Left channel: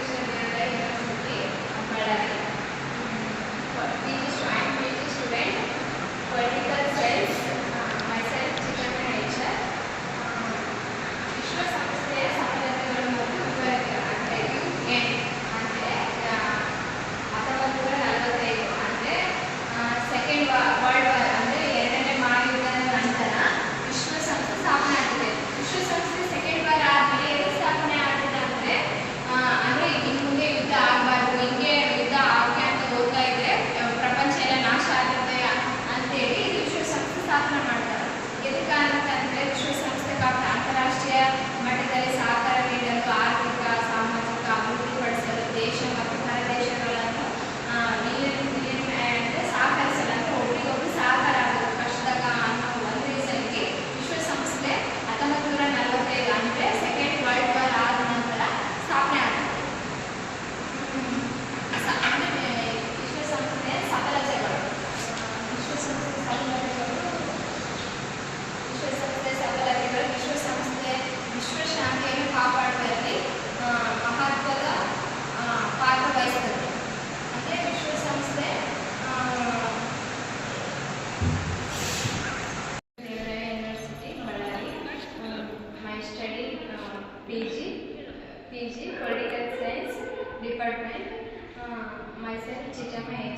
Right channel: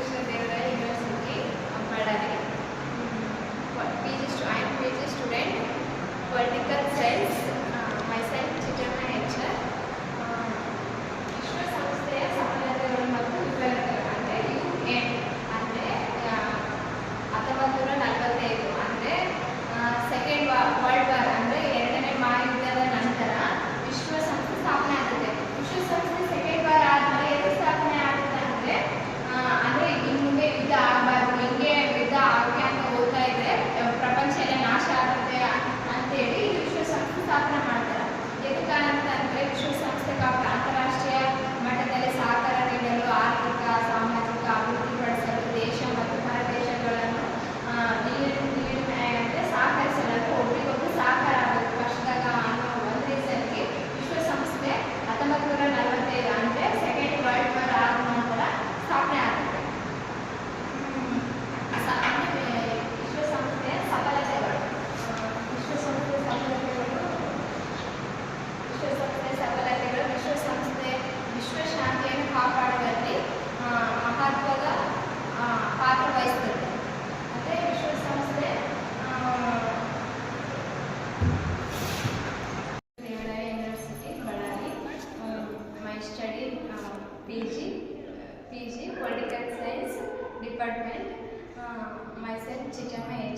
Thank you.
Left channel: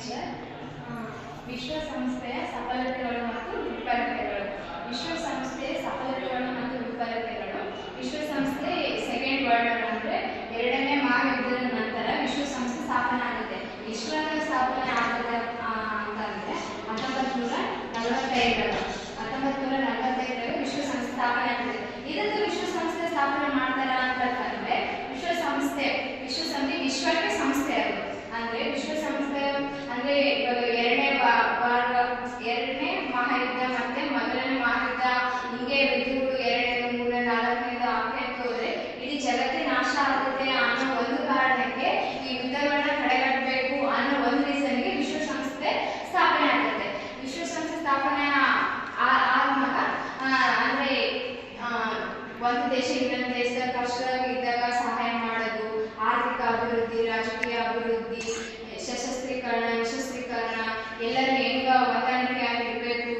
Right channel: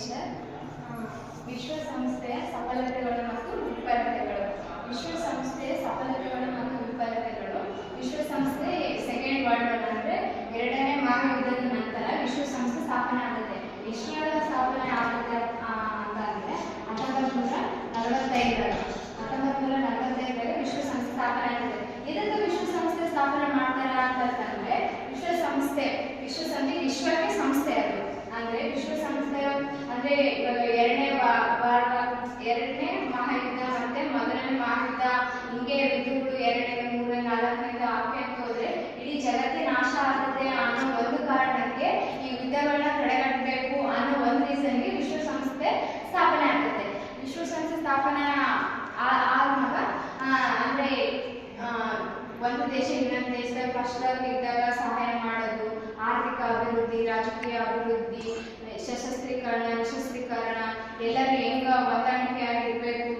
Nature ವಿಶ್ವಸಂಸ್ಥೆಯ ಸಫಲತೆಗಳು ಮತ್ತು ವಿಫಲತೆಗಳು ವಿಶ್ವಸಂಸ್ಥೆಯ ಸಫಲತೆಗಳು ಮತ್ತು ವಿಫಲತೆಗಳು ವಿಶ್ವಸಂಸ್ಥೆ ಸೆಕೆಂಡ್ ವರ್ಲ್ಡ್ ವಾರ್ ಅಂದರೆ ಎರಡನೇ ಮಹಾಯುದ್ಧದ ನಂತರ ವಿಶ್ವಸಂಸ್ಥೆ ಸ್ಥಾಪನೆ ಆಗುತ್ತೆ. ಎಷ್ಟರ ಸ್ಥಾಪನೆ ಆಗುತ್ತೆ ಅಂತಂದರೆ ಹತ್ತೊಂಬತ್ತು ನೂರ ನಲವತ್ತೈದರ ಹತ್ತೊಂಬತ್ತು ನೂರ ನಲವತ್ತೈದರಲ್ಲಿ ವಿಶ್ವಸಂಸ್ಥೆ ಸ್ಥಾಪನೆ ಆಗುತ್ತೆ. ಇದನ್ನು ವಿಶ್ವಸಂಸ್ಥೆ ಸ್ಥಾಪನೆ ಮಾಡ್ತಾರೆ ಅಂತಂದರೆ ವಿಶ್ವಸಂಸ್ಥೆ ವಿಶ್ವಸಂಸ್ಥೆ ವಿಶ್ವಕ್ಕೆ ಸಂಸ್ಥೆ ಅದು. ಅಂದರೆ ವಿಶ್ವಸಂಸ್ಥೆಯ ಅಂದ್ರೆ ಇವಾಗ ಎರಡನೇ ಭಾರತ, ಎರಡನೇ ಮಹಾಯುದ್ಧ ಮತ್ತೆ ಮೊದಲನೇ ಮಹಾಯುದ್ಧ, ಹಿಂಗೆ ಯುದ್ಧಗಳು ಎರಡನೇ ಮೂರನೇ ನಾಲ್ಕನೇದು ಆಗ್ತಾ ಇತ್ತು ಅಂದ್ರೆ ಇಡೀ ಜಗತ್ತಿನ ನಾಶ ಆಗುತ್ತೆ ಅನ್ನೋ ಒಂದು ಕಾರಣಕ್ಕೆ ಈ ಯುದ್ಧಗಳನ್ನ ತಡೆಗಟ್ಟಬೇಕು ಅನ್ನೋ ಒಂದು ರೀಸನ್ಗೆ ವಿಶ್ವಸಂಸ್ಥೆ ಸ್ಥಾಪನೆ ಆಗ್ತದೆ. ವಿಶ್ವಸಂಸ್ಥೆ ಸ್ಥಾಪನೆ ಆದ್ಮಾಗ ಅಂದ್ರೆ ಒಂದು ದೇಶ ಇನ್ನೊಂದು ದೇಶದ ಕಷ್ಟದಲ್ಲಿದ್ದಾಗ ಸಹಾಯ ಮಾಡೋದು, ಆರ್ಥಿಕ ಅಭಿವೃದ್ಧಿ, ರಾಜಕೀಯ ಅಭಿವೃದ್ಧಿ, ಸಶಸ್ತ್ರೀಕರಣ ಎಲ್ಲರೂ ಹೆಂಗ ಹೊಂದಾಣಿಕೆ ಆಗಿರ್ಬೇಕು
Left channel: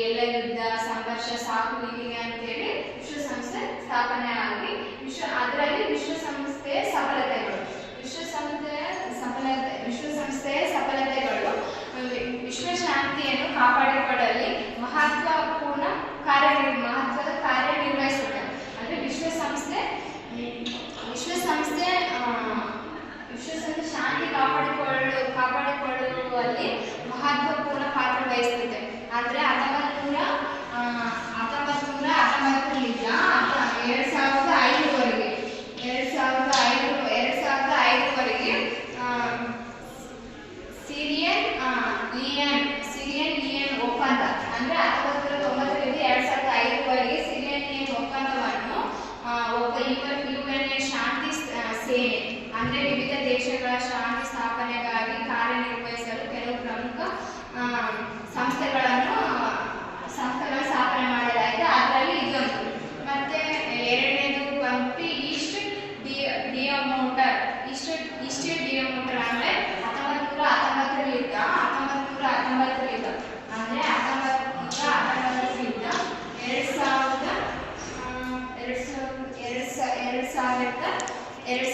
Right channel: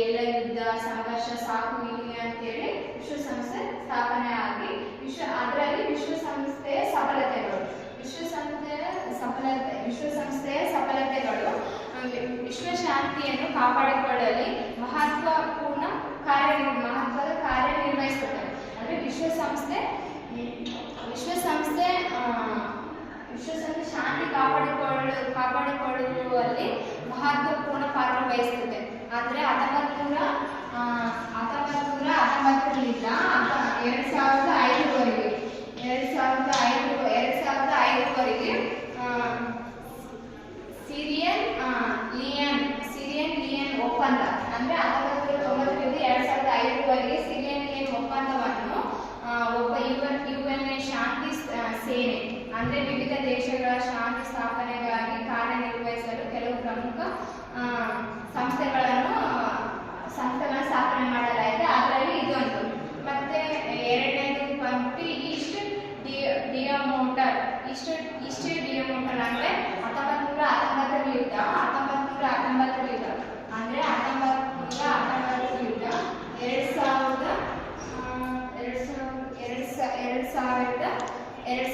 ಎಲ್ಲ ಯುದ್ಧ, ಸಂಘರ್ಷ ಸಾಕು ಇಲ್ಲಿಗೆ ಅಂತೇಳಿ ವಿಶ್ವಸಂಸ್ಥೆ ಸ್ಥಾಪನೆ ಆಗಿ, ವಿಶ್ವ, ಅದರಲ್ಲಿ ವಿಶ್ವಸಂಸ್ಥೆಯ ಸಫಲತೆಗಳು. ವಿಶ್ವಸಂಸ್ಥೆಯ ಸಫಲತೆ ವಿಶ್ವಸಂಸ್ಥೆಯ ಸಫಲತೆಗಳು ವಿಶ್ವಶಾಂತಿಯನ್ನು ಕಾಪಾಡಿಕೊಳ್ಳಲಿ ಮಹತ್ವಪೂರ್ಣ ಕಾರ್ಯ, ಮಹತ್ವದ ಕಾರ್ಯನಿರ್ವಹಿಸುತ್ತೆ ಅಂದರೆ ವಿಶ್ವಸಂಸ್ಥೆ ವಿಶ್ವಸಂಸ್ಥೆ ವಿಶ್ವವನ್ನು ಶಾಂತಿ ಕಾಪಾಡಿಕೊಳ್ಳು ಕಾಪಾಡಿಕೊಳ್ಳುವಲ್ಲಿ ಮಹತ್ವಪೂರ್ಣ ಪಾತ್ರ ವಹಿಸುತ್ತೆ. ಅಂದ್ರೆ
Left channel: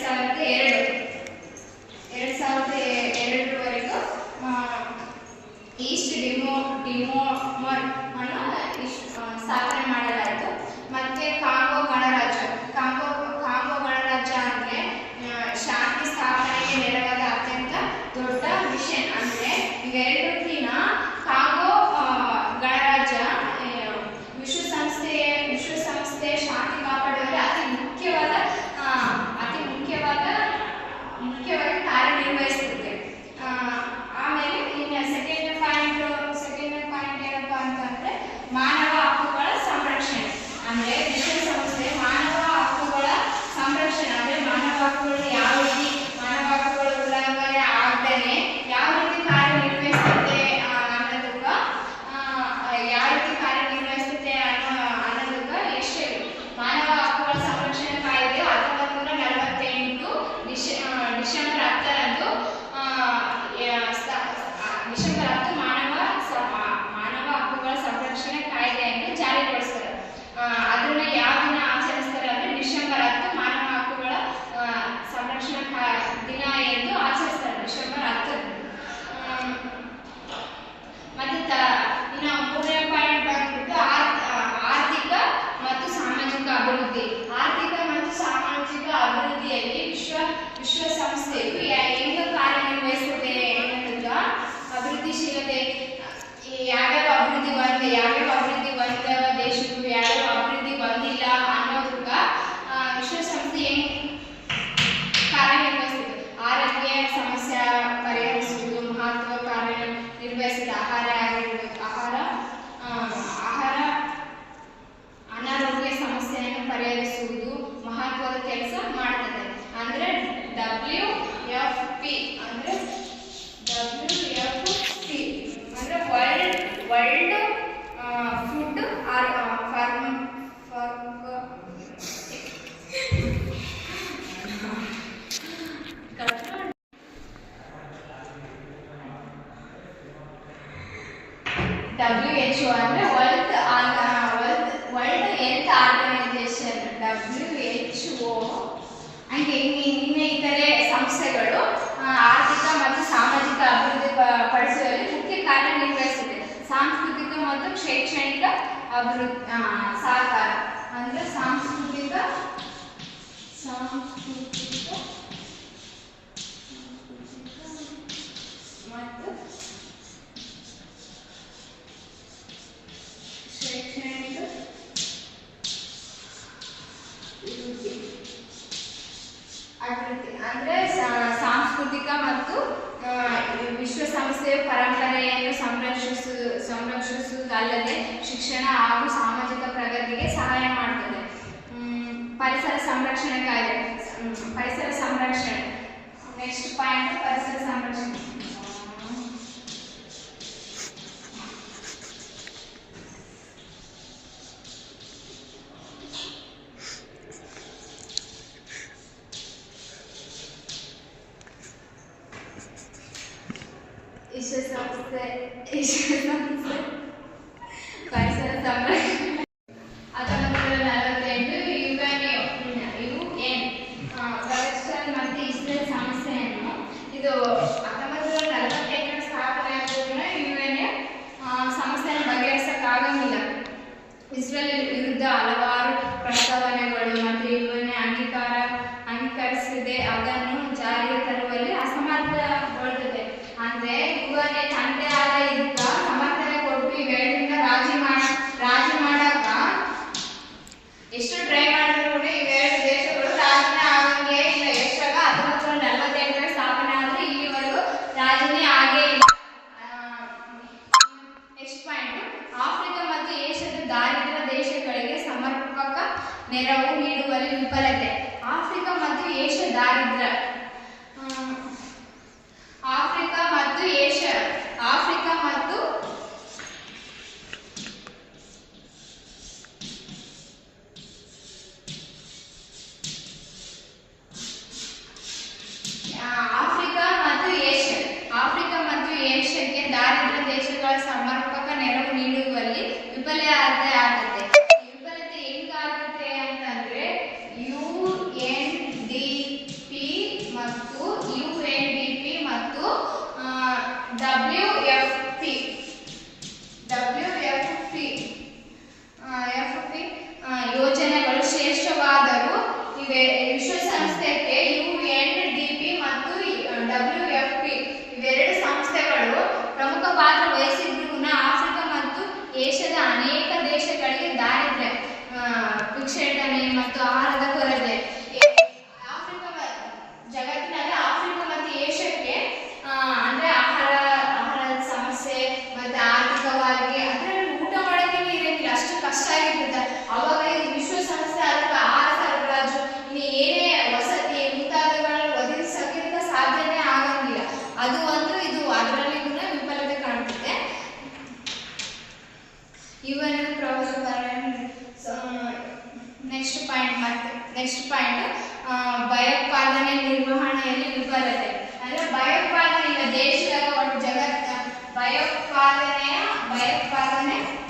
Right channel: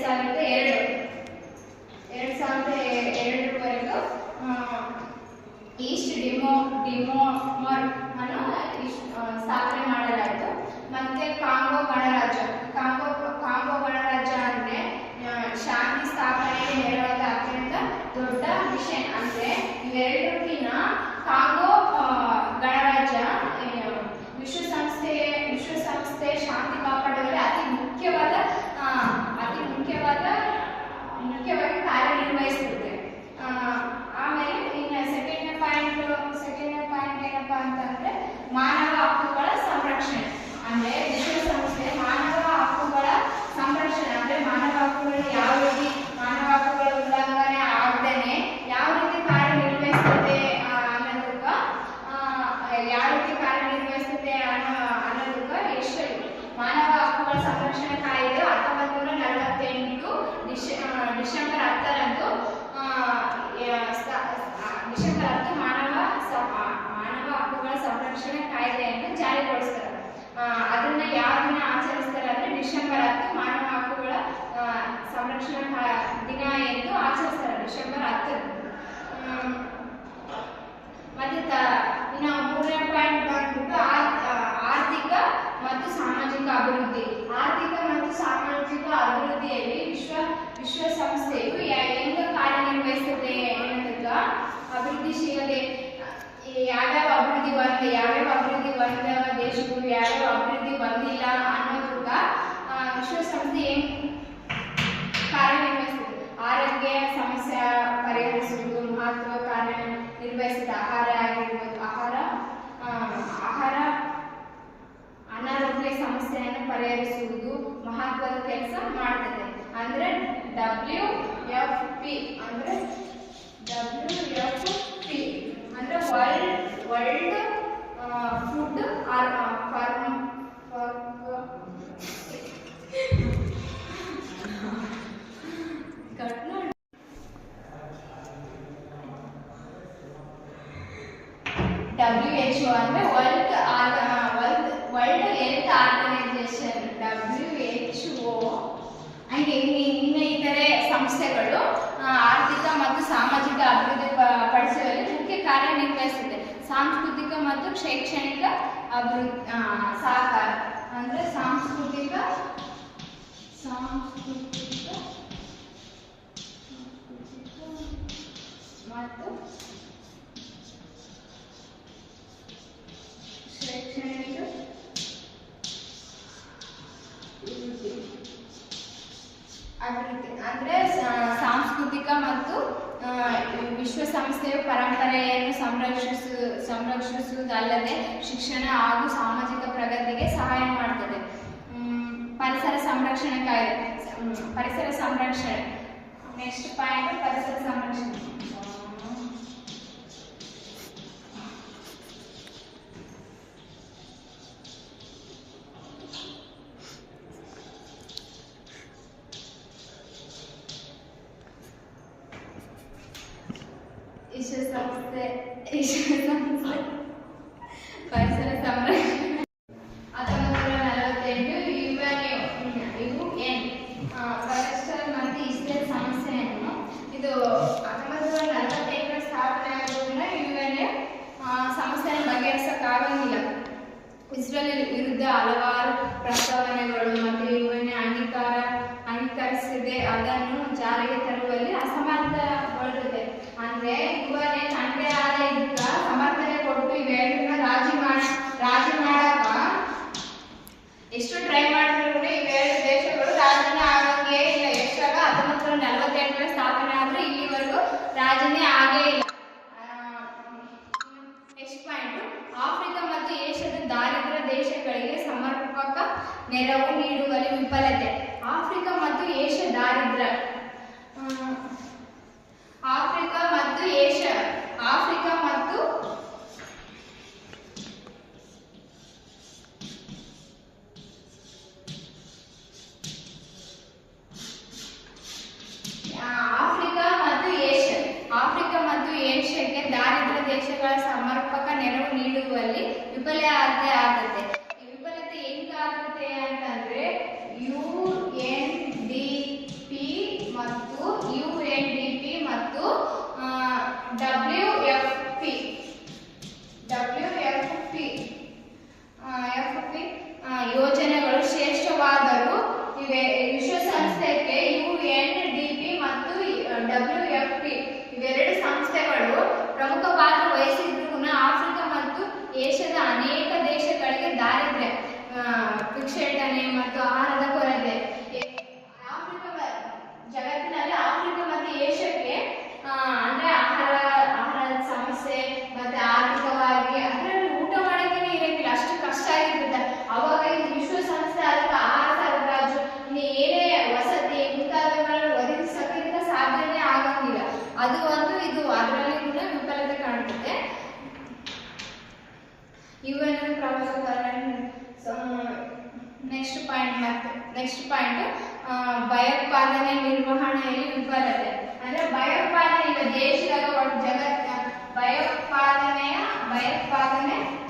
7 7 September ಮಾಡ್ತದೆ ಅಂದ್ರೆ ಡಬ್ಲ್ಯೂ ಎಫ್ ಪಿ ಅಂದ್ರೆ ಡಬ್ಲ್ಯೂ ಎಫ್ ಪಿ ಅಂದ್ರೆ ವೈಲ್ಡ್ ವರ್ಲ್ಡ್ ಫುಡ್ ಆರ್ ಆಕೃತಿ ಅಂದ್ರೆ ಸಾಂಸ್ಕೃತಿಕ ಮತ್ತು ವಿಶ್ವ ಸಂಸ್ಥೆಯ ಪರಂಪರೆಯನ್ನು ಸಂರಕ್ಷಿಸು, ಸಂರಕ್ಷಿಸುವುದಲ್ಲದೆ ಶಿಕ್ಷಣ ಹಾಗೂ ಸಾಮಾಜಿಕ ಪ್ರಗತಿಗೆ ಸಹಾಯ ಮಾಡುತ್ತದೆ ಪರಿಸರ ಸಂರಕ್ಷಣೆ ಕಾಯ್ದೆ ಪರಿಸರ ಸಂರಕ್ಷಣೆ. ನೆಕ್ಸ್ಟ್ ಪಾಯಿಂಟ್ ಪರಿಸರ ಸಂರಕ್ಷಣೆ. ಇದು ಹತ್ತೊಂಬತ್ತು ನೂರ ನಲವತ್ತೆಂಟರ ಸ್ಥಾಪನೆ ಆಗೋದ್ರಿಂದ ಯುಎನ್ಎ ಸಮಸ್ಯೆಯನ್ನು ಬಗೆಹರಿಸಕ್ಕಾಗಂಗಿಲ್ಲ. ಇಸ್ರೇಲ್ ವಿರುದ್ಧ ಹಲವಾರು ಪ್ರಸ್ತಾವ ಪಾತ್ರ ವಹಿಸಿದ್ರು ಕೂಡ ಆಫ್ರಿಕಾ ಮತ್ತು ಏಷ್ಯಾದ एक बार में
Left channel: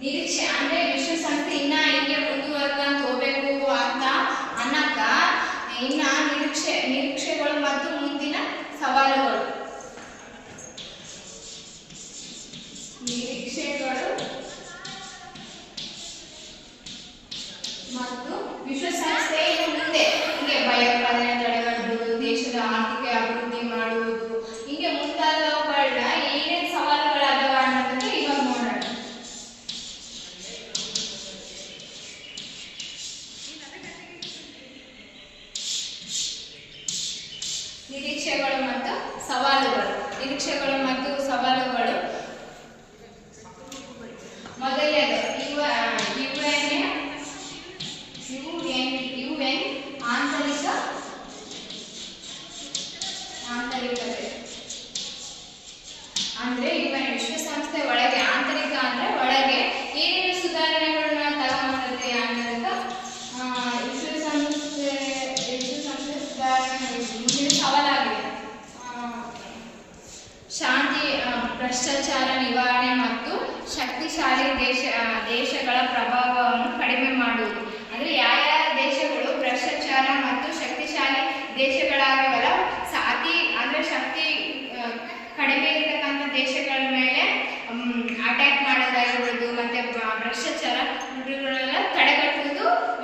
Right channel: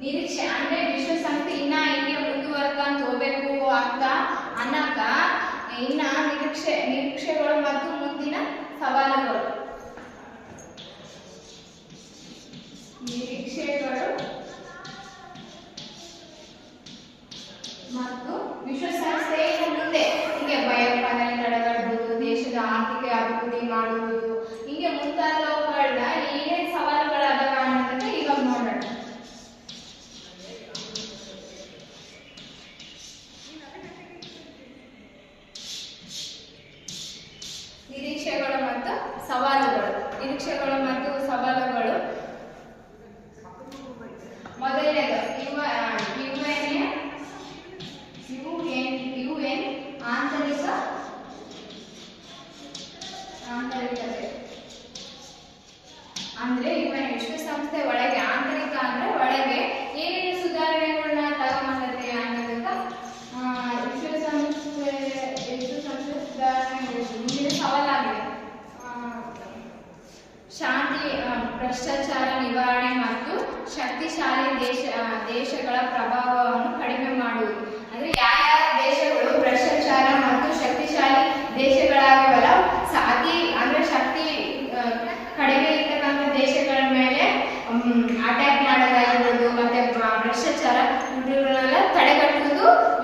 ನಿರೀಕ್ಷೆ. ಅಂದ್ರೆ ವಿಶ್ವಸಂಸ್ಥೆ ಇನ್ನ ಹಿಂಗೆ ಮುಂದುವರ್ಕಂತ ಹೋಗ್ಬೇಕು ಅಂತ ಅನ್ನಕ ಇನ್ನ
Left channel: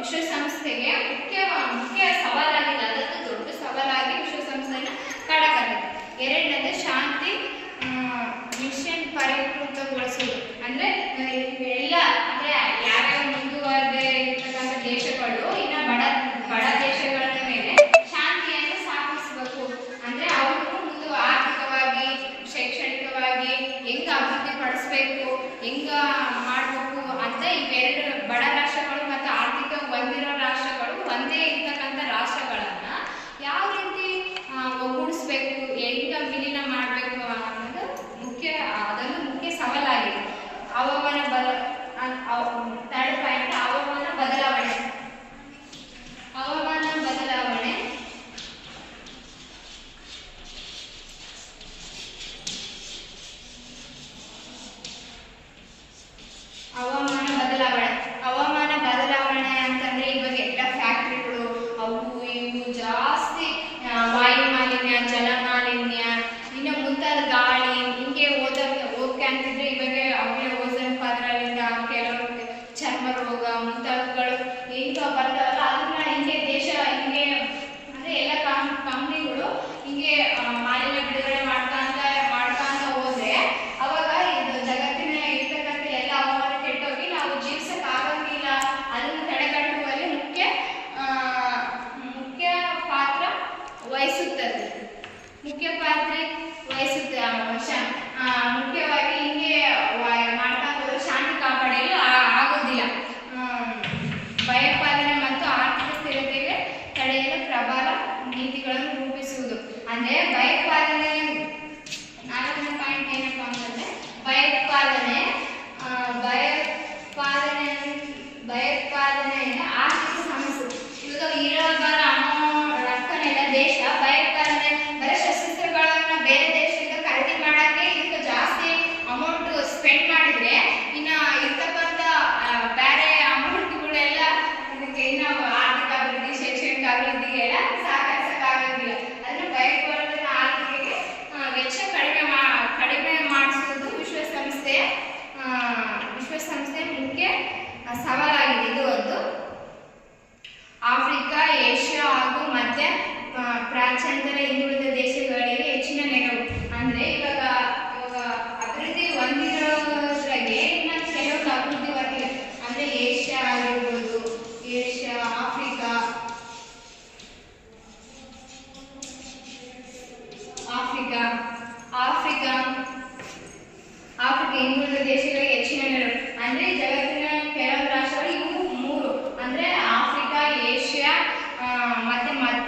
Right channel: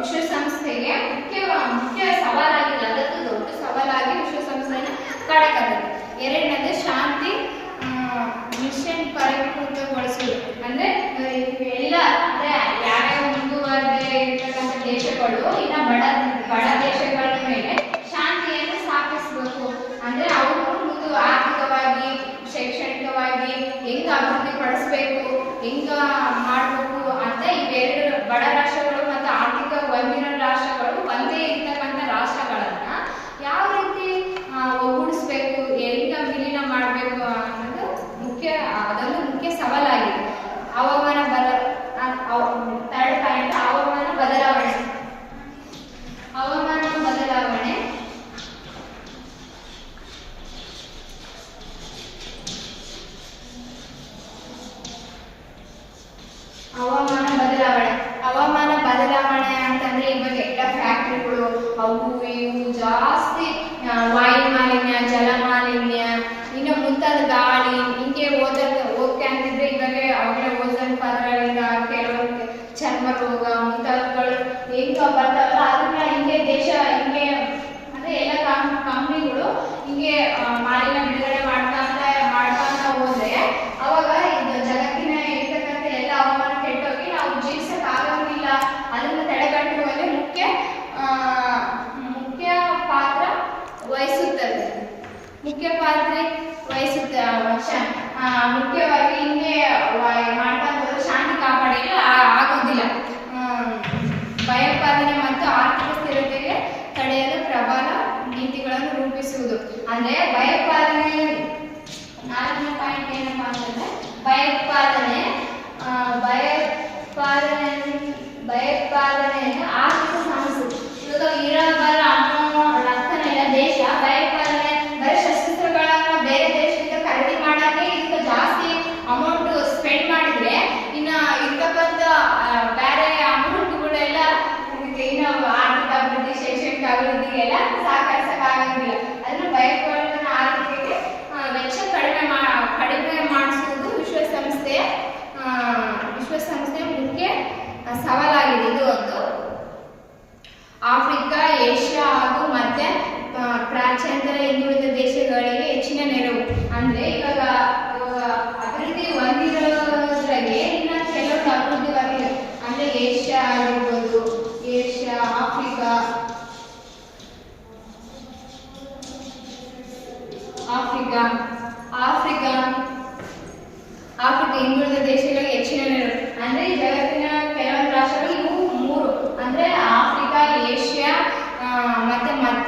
ವಿಶ್ವಸಂಸ್ಥೆಗೆ ಮುಖ್ಯ ಮುಖ್ಯ ಸವಾಲಾಗಿ ಅದಕ್ಕೂ ದೊಡ್ಡ ಸವಾಲಾಗಿ ವಿಶ್ವಸಂಸ್ಥೆನ ಕಾಡಕ್ಕಾಗತ್ತೆ ಎರಡನೇ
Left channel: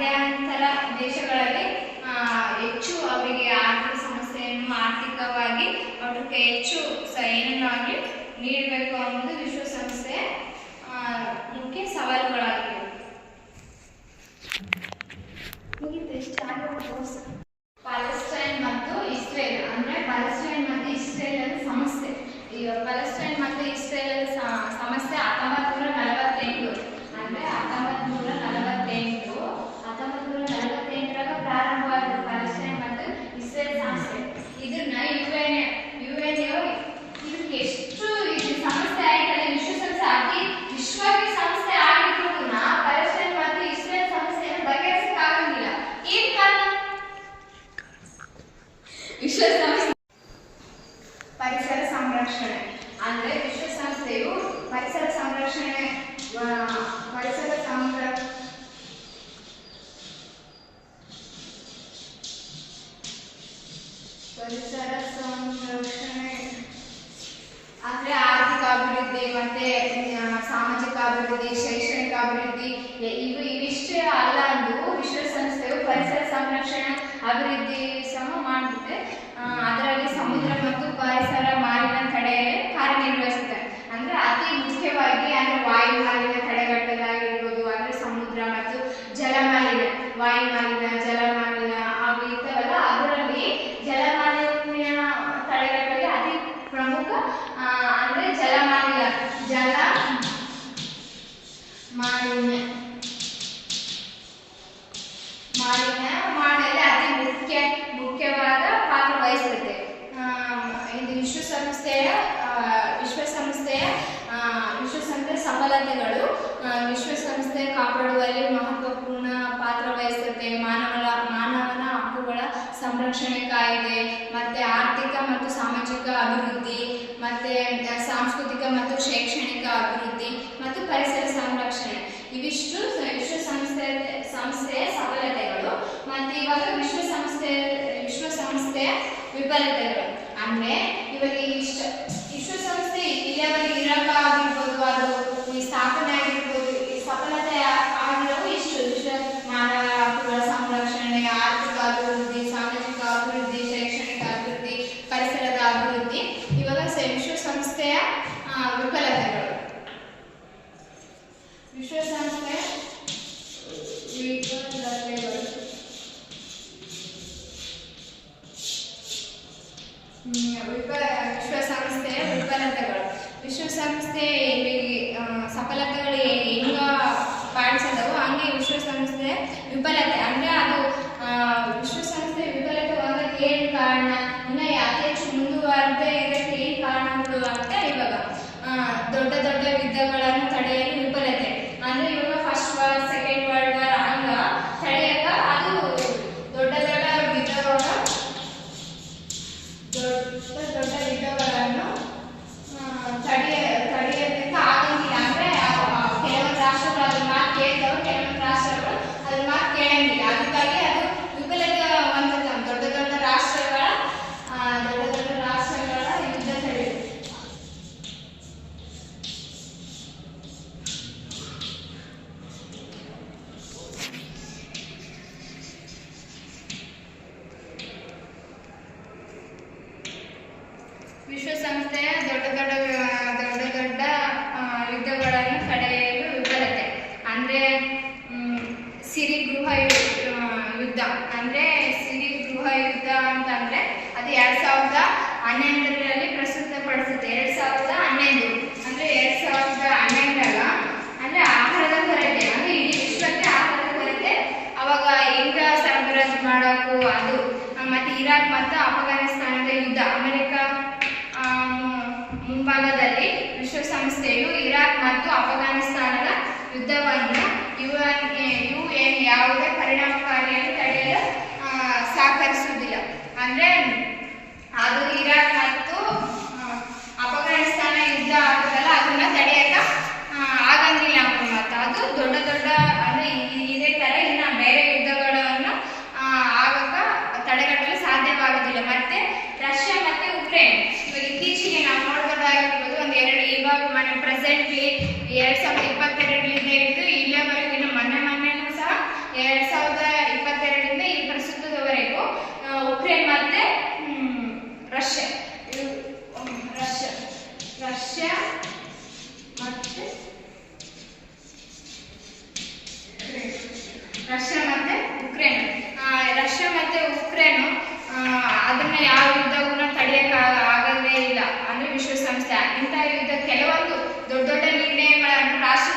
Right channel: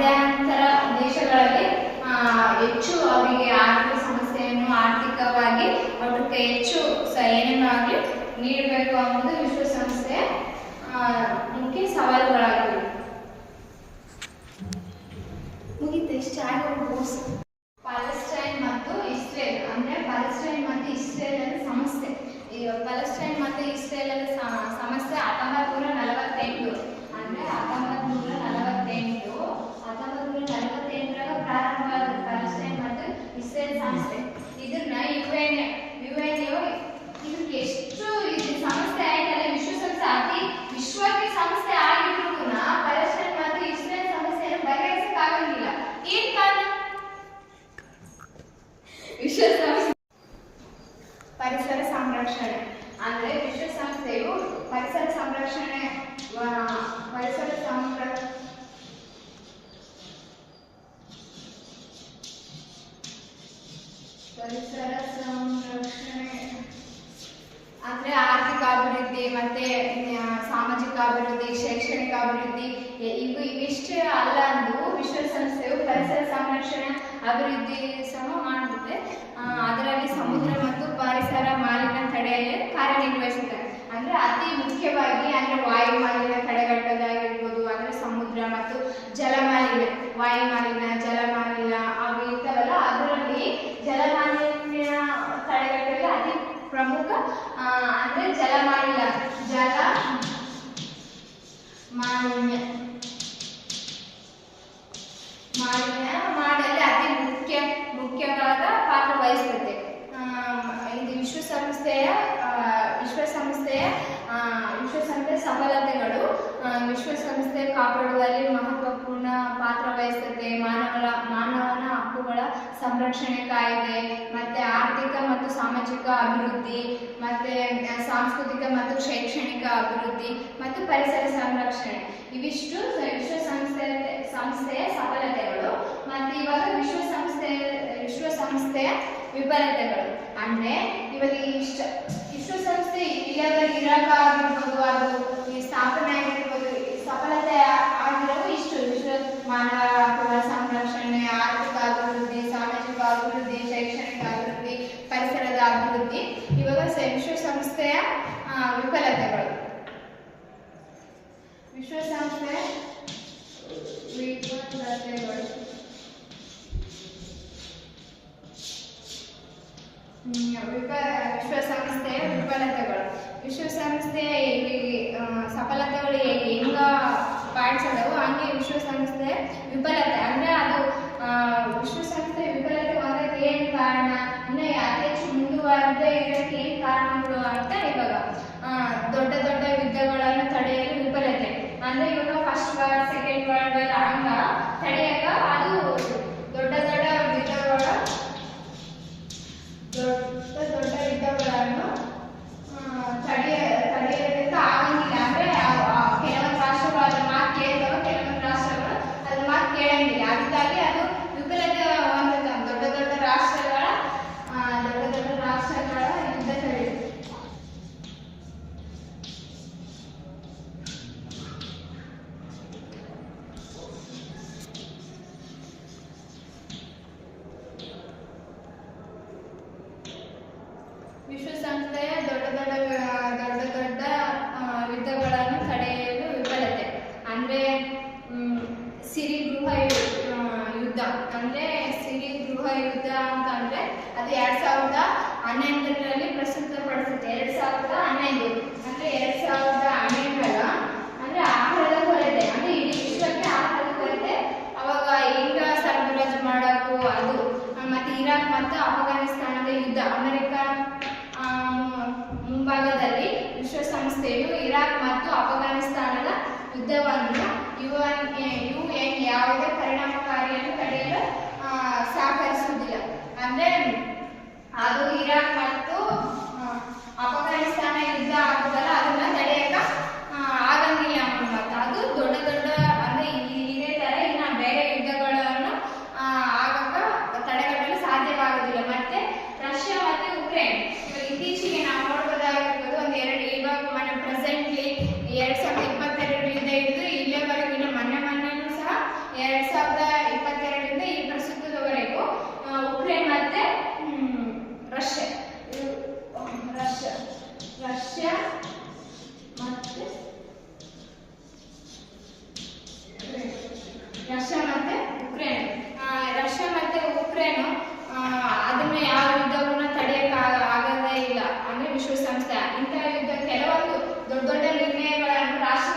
ಮಧ್ಯಂತರ ದೇಶಗಳಲ್ಲಿ ಹೆಚ್ಚು ಅವರಿಗೆ ಆರ್ಥಿಕ ಸಮಸ್ಯೆಯನ್ನು ಆರ್ಥಿಕವಾಗಿ ಒಟ್ಟಕ್ಕೆ ಹೆಚ್ಚು ಸಹಾಯವಾಗಿ ನೀಡಬೇಕು ಅನ್ನೋದು ವಿಶ್ವಸಂಸ್ಥೆಯ ಮುಖ್ಯ ಸವಾಲುಗಳಾಗಿವೆ. ಮುಗಿತು ಇಷ್ಟ ಪ್ಯಾಲೆಸ್ಟೈನ್ ಮತ್ತು ಇಸ್ರೇಲ್ ಅಂದ್ರೆ ಪ್ಯಾಲೆಸ್ಟೈನ್ ಮತ್ತು ಇಸ್ರೇಲ್ ಸಮಸ್ಯೆ ಪ್ಯಾಲೆಸ್ಟೈನ್ ಮತ್ತು ಇಸ್ರೇಲ್ ಸಮ You should ಪ್ರಮುಖ ಅಂದರೆ ಜಲಮಾಲಿನ್ಯ ಜಲ ಮಾಲಿನ್ಯ. ಮಾಲಿನ್ಯ ಮಾಡಲಿ ಅತಿ ಮುಖ್ಯ, ಮುಖ್ಯವಾದ ಪಾತ್ರ ವಹಿಸುತ್ತೆ. ಇದು ವಿಶ್ವಸಂಸ್ಥೆಯ ವಿಶ್ವಸಂಸ್ಥೆಯ ವಿಶ್ವಸಂಸ್ಥೆ ಸಫಲತೆಗಳು ವಿಶ್ವಸಂಸ್ಥೆ ಕಾಪಾಡುವಲ್ಲಿ ಮಹತ್ವಪೂರ್ಣ ಪಾತ್ರ ವಹಿಸುತ್ತೆ. ಮಾನವ ಮಾನವನ ಹಕ್ಕುಗಳ ಸಂರಕ್ಷಣೆ ಕಾಯಿದೆ, ಮತ್ತು ಆರ್ಥಿಕ ಮತ್ತು ಸಾಮಾಜಿಕ ಅಭಿವೃದ್ಧಿ, ಮತ್ತು ಸಾಂಸ್ಕೃತಿಕ ಮತ್ತು ಶೈಕ್ಷಣಿಕ ಅಭಿವೃದ್ಧಿ, ಮತ್ತು ಪರಿಸರ ಸಂರಕ್ಷಣೆ. ಇವಿಷ್ಟು ವಿಶ್ವಸಂಸ್ಥೆ, ಸಂಸ್ಥೆಯ ಸಫಲತೆಗಳು ಮತ್ತು ಇವಾಗ ವಿಶ್ವಸಂಸ್ಥೆ, ವಿಶ್ವಸಂಸ್ಥೆಯ ವಿಫಲತೆಗಳು. ಅಂದರೆ, ಇವಾಗ ಇಷ್ಟ ವಿಶ್ವಸಂಸ್ಥೆ ಇಲ್ಲಿಯವರೆಗೆ ಇರೋಕ್ಕಾಗಿರ್ಬೋದು ಅದು ಈ ಸ್ಥಾಪನೆ ಆಗಿರ್ಬೋದು ಸಫಲತೆ ಅನುಭವಿಸ್ತಾ ಇವಾಗ ದೊಡ್ಡ ದೊಡ್ಡ ಯುದ್ಧಗಳನ್ನು ತಡೆಯಲು ವಿಫಲತೆ. ಅಂದ್ರೆ ಇವಾಗ first war second world war Anglo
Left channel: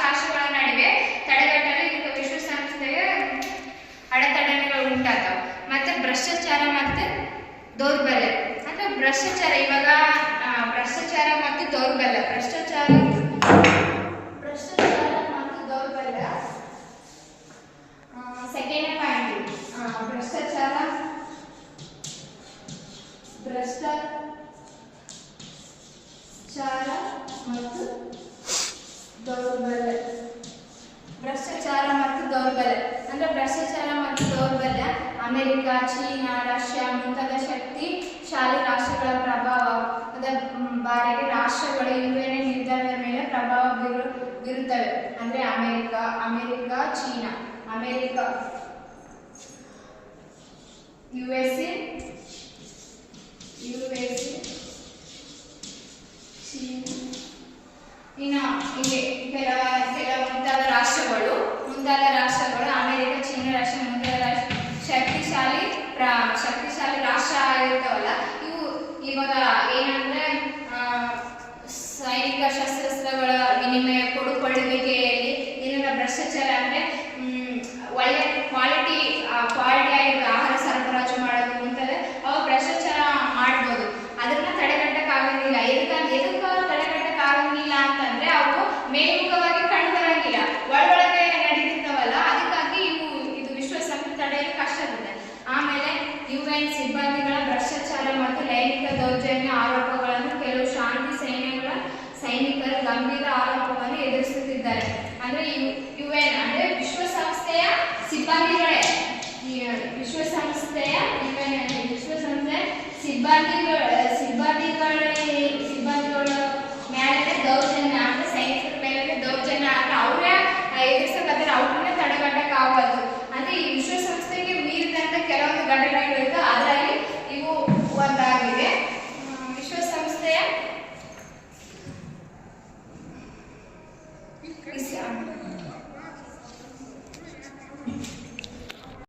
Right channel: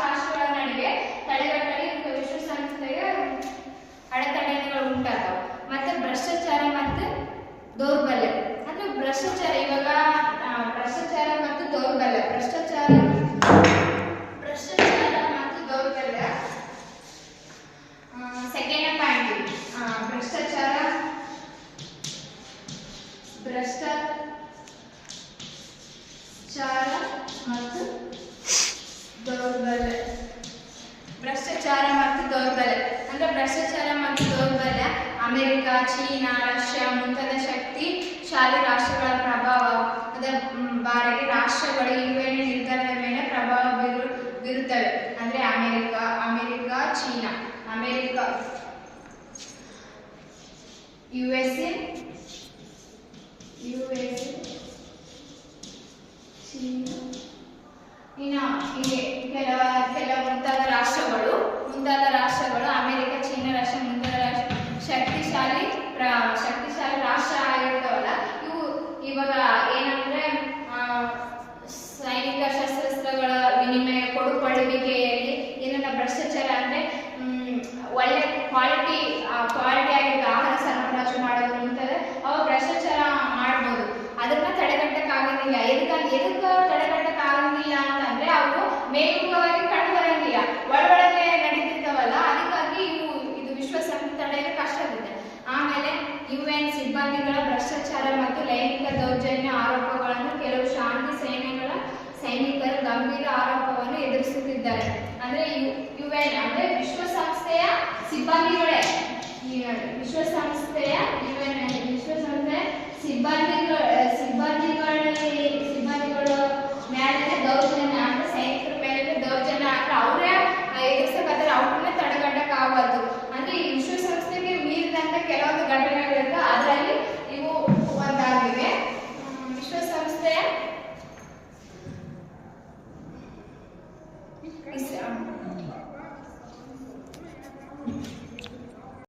ರಾಷ್ಟ್ರಗಳ ನಡುವೆ ತಡೆಗಟ್ಟಲು ಇದು ವಿಶ್ವಸಂಸ್ಥೆಗೆ ಅಡೆತಡೆಗಳು ಉಂಟಾಗ್ತಾವ. ಮತ್ತೆ ಭ್ರಷ್ಟಾಚಾರ ಮತ್ತೆ ದೌರ್ಬಲ್ಯ. ಅಂದ್ರೆ ಭ್ರಷ್ಟಾಚಾರ, ಇವಾಗ ಭ್ರಷ್ಟಾಚಾರ ಮತ್ತು ದೌರ್ಬಲ್ಯ. ಭ್ರಷ್ಟಾಚಾರ ಭ್ರಷ್ಟಾಚಾರ ಮತ್ತು ದೌರ್ಬಲ್ಯ ಸೆಕೆಂಡ್ ಪಾಯಿಂಟ್ ಭ್ರಷ್ಟಾಚಾರ ಭ್ರಷ್ಟಾಚಾರ ಮತ್ತು ದೌರ್ಬಲ್ಯ. ಭ್ರಷ್ಟಾಚಾರ ಮತ್ತು ದೌರ್ಬಲ್ಯ. ಅಂದ್ರೆ ಭ್ರಷ್ಟಾಚಾರ ಮತ್ತು ದೌರ್ಬಲ್ಯ, ಅಮೆರಿಕ, ಚೀನಾ, ರಷ್ಯಾ ಮುಂತಾದ ಶಕ್ತಿ ಶಾಲೆ ರಾಷ್ಟ್ರಗಳ ಪ್ರಭಾವ. ಅದರ ಬಾರಿಗೆ ರಾಷ್ಟ್ರಗಳು ಇವೆಲ್ಲ ನಿರ್ಧಾರದ ಮೇಲೆ ಪ್ರಭಾವ ಬೀರು, ಬೀರುತ್ತವೆ. ಅಂದ್ರೆ America America, China, America. U S A U S A China. ಇನ್ನು ಹೀಗೆ ಕೆಲವ ಕೆಲವು ಮುಂತಾದ ರಾಷ್ಟ್ರಗಳು ಮುಂತಾದ ರಾಷ್ಟ್ರಗಳು, ಅಮೆರಿಕ, ಚೀನಾ ರಾಷ್ಟ್ರ ಮುಂತಾದ ರಾಷ್ಟ್ರ, ಶಕ್ತಿಶಾಲಿ ಶಕ್ತಿಶಾಲಿ ರಾಷ್ಟ್ರ ಆಗಿರ್ತಾವಲ್ಲ, ಇವು ಇವಾಗ ಏನಂದ್ರೆ ಸೈನಿಕ ಶಸ್ತ್ರಾಸ್ತ್ರಗಳ ವಿನಿಮಯ, ಕೊಡುಪಡುವಿಕೆಯಲ್ಲಿ ಏನನ್ನ ಭ್ರಷ್ಟಾಚಾರ ಅಂದ್ರೆ ಒಳ್ಳೆ ಕ್ವಾಲಿಟಿ ಕ್ವಾಲಿಟಿ ಮೇಲ್ಮುಖವಾಗಿ ಕಂಡು ಬರಂಗಿಲ್ಲ ಒಳಗೊಳಗೆ ನಡೀತಿರ್ತಾವಲ್ಲ ಅದಕ್ಕಾಗಿ ಇವು ಇದು ವಿಶ್ವಸಂಸ್ಥೆ ತಡೆಯಲು ಕಷ್ಟ ಆಗುತ್ತೆ ಆಮೇಲೆ ಯುಎನ್ ಸಿಬ್ಬಂದಿಗಳ ಭ್ರಷ್ಟಾಚಾರ ಮತ್ತು ಲೈಂಗಿಕ ದೌರ್ಜನ್ಯ ಆರೋಪಗಳನ್ನು ಕೆಲವು ಶಾಂತಿ ಸೇನೆಗಳ ಸೈನಿಕರು ಗಂಭೀರ ಆರೋಪವನ್ನು ಎದುರಿಸುತ್ತಿದ್ದಾರೆ. ಅಂದ್ರೆ ಯುಎನ್ ಅಂದ್ರೆ ವಿಶ್ವಸಂಸ್ಥೆಯ ಸಿಬ್ಬಂದಿಗಳೇ. ವಿಶ್ವಸಂಸ್ಥೆಯ ಎನ್ ವಿಶ್ವಸಂಸ್ಥೆ ಸಿಬ್ಬಂದಿಗಳ Gracias.